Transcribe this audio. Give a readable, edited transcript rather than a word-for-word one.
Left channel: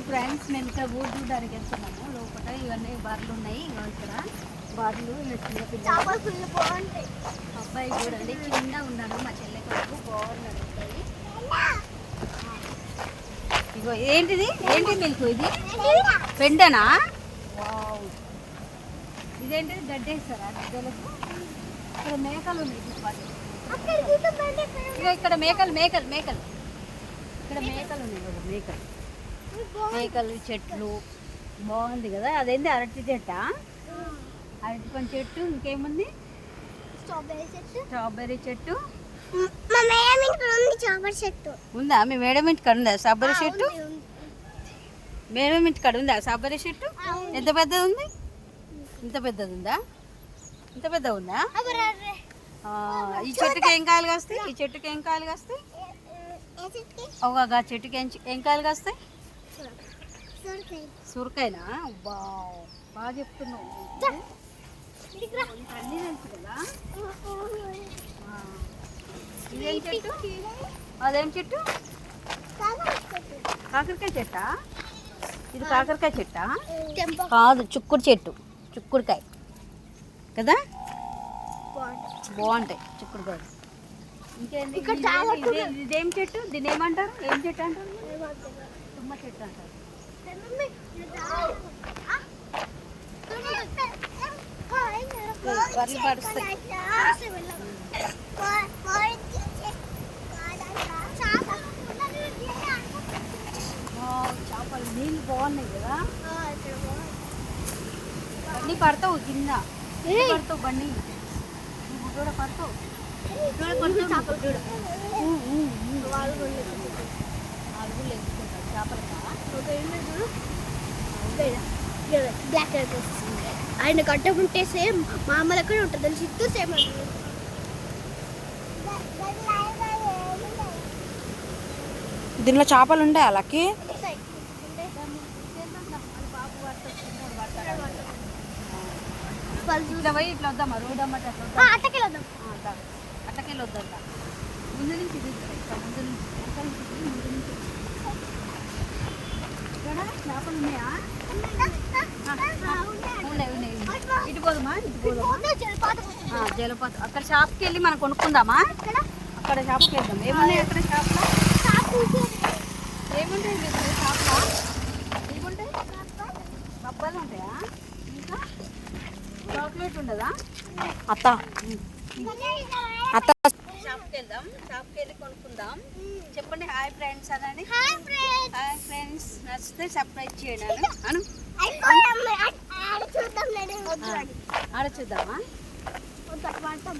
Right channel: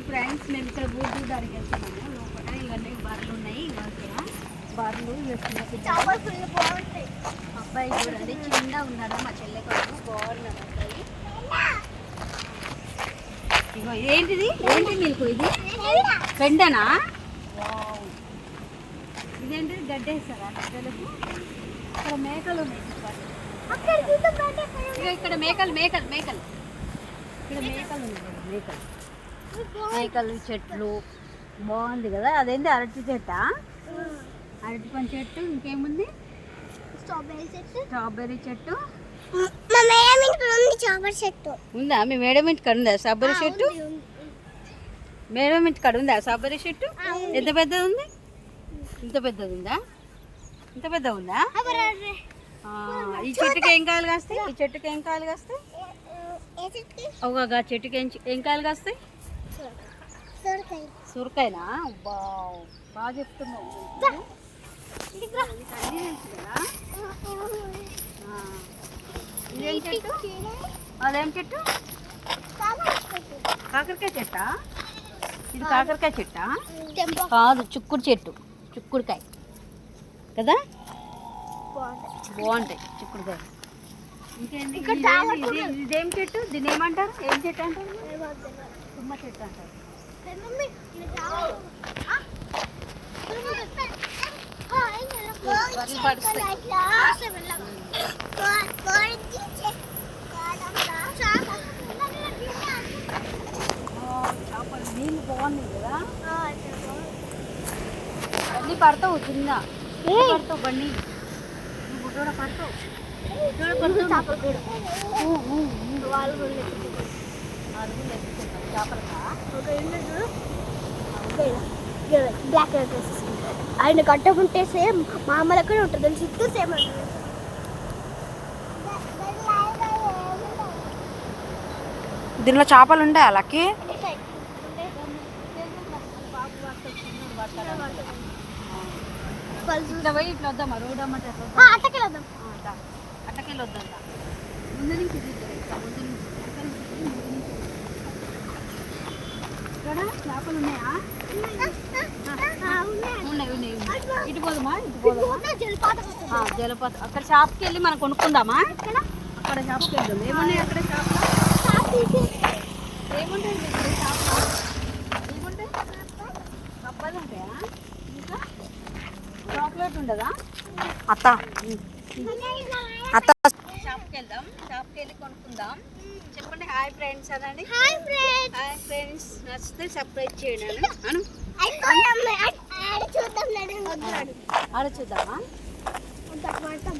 Morning friends. మేము ఇక్కడ boat చూడడానికి వెళ్తున్నాము. లోపల ఇవన్నీ బార్లు ఉన్నాయి. ఇక్కడ బార్లు ఇలా చిన్న పిల్లలు బాగుంటాయి. అబ్బాయి చూడండి కింద ఉన్నాడు. మా చెల్లె కొడుకు బాగున్నాడు అబ్బాయి. ఇగో ఏంటిది నీకు ఇది పెండనా? వావ్. ఇదేంటిది గడ్డేస్తారా పిల్లలకు? ఇక్కడ మేకలు ఉన్నాయి. ఇగో ఇక్కడ మేకలు ఇక్కడ మేకలు ఉన్నాయి. మేకలు చెట్లు బాగుంది కదా. అదేంటి అరటి చెట్ట? అరటి పండు చెట్టు. ఇంకేముంది? స్ట్రాబెర్రీ చెట్టు ఉందా? మీ మేడం ఇంటి కాడ ఉందా స్ట్రాబెర్రీ చెట్టు? మేడం ఇంటి కాడ ఉందా స్ట్రాబెర్రీ చెట్టు? ఎంత పెద్దది ఉంది? ఇంత పెద్దది ఉందా? ఇంత పెద్ద ఉందా? ఈ చెట్టుకి ఏం కాయలు కాస్తాయి? ఈ చెట్టుకి ఏం కాయలు కాస్తాయి? అవుగా చెట్టుకి ఏం కాయలు కాస్తాయి? సూరకాయనా? బాగా చెప్తున్నావు. అన్నీ తెలుసు కదా. ఇదేం చెట్టు? అదేం చెట్టు? కాకరకాయ చెట్టా? ఇది కాకరకాయ చెట్టా? కాదు, చుక్కుడు చెట్టు. చుక్కుడుకాయ కదా, బాగుంటాయి చుక్కుడుకాయ. ఇంకేంటి? ఇదేం చెట్టు? దీన్ని ఏమంటారు? ఏం చెట్టు అంటారు? తుమ్మ చెట్టు అంటారు. వర్లు పడుస్తాయి. చేపలు నీళ్ళు బాగున్నాయి కదా. బండి పడతావు కింద, పడతావు బండి. నువ్వు గుడ్డోడ పడతావు. అరుగులు ఎత్తుకుంటారు చేపలకా. బ్లాక్ కలర్ డ్రెస్ ఆయన కట్టకుంటే సేమ్ మా అమ్మ దగ్గర ఉంటుంది తెలిసి ఇస్తూ సేమ్. దీనిలో చేపలు ఉండే వాళ్ళకి ఇట్లా వద్దామా? రోడ్ అమ్మ అట్టకెళ్ళి వద్దాం. అట్టకెళ్ళి వద్దా? ముందు నుంచి ముందు నుంచి ఇక్కడ చేపలు ఉన్నాయా? ఇటు పోదామా? జలపాతం. అక్కడ షాప్కి వెళ్ళి మనం కొనుక్కుందామా? అక్కడ షాప్కి వెళ్దాం. ఏమున్నాయి అక్కడ షాప్లో? ఏముంటాయి మీకు షాప్లో? ఏముంటాయి? అబ్బాయిలు ఉంటాయా? ఇంకా చాక్లెట్ ఉండదా? అత్త షాప్కి వెళ్దాం. షాప్కి వెళ్ళి కొనుక్కుందాం. చెప్పండి హాయ్ ఫ్రెండ్స్ అనండి. Hi friends. నచ్చితే సబ్స్క్రైబ్ చేయండి అను. ఆడ చూద్దామా?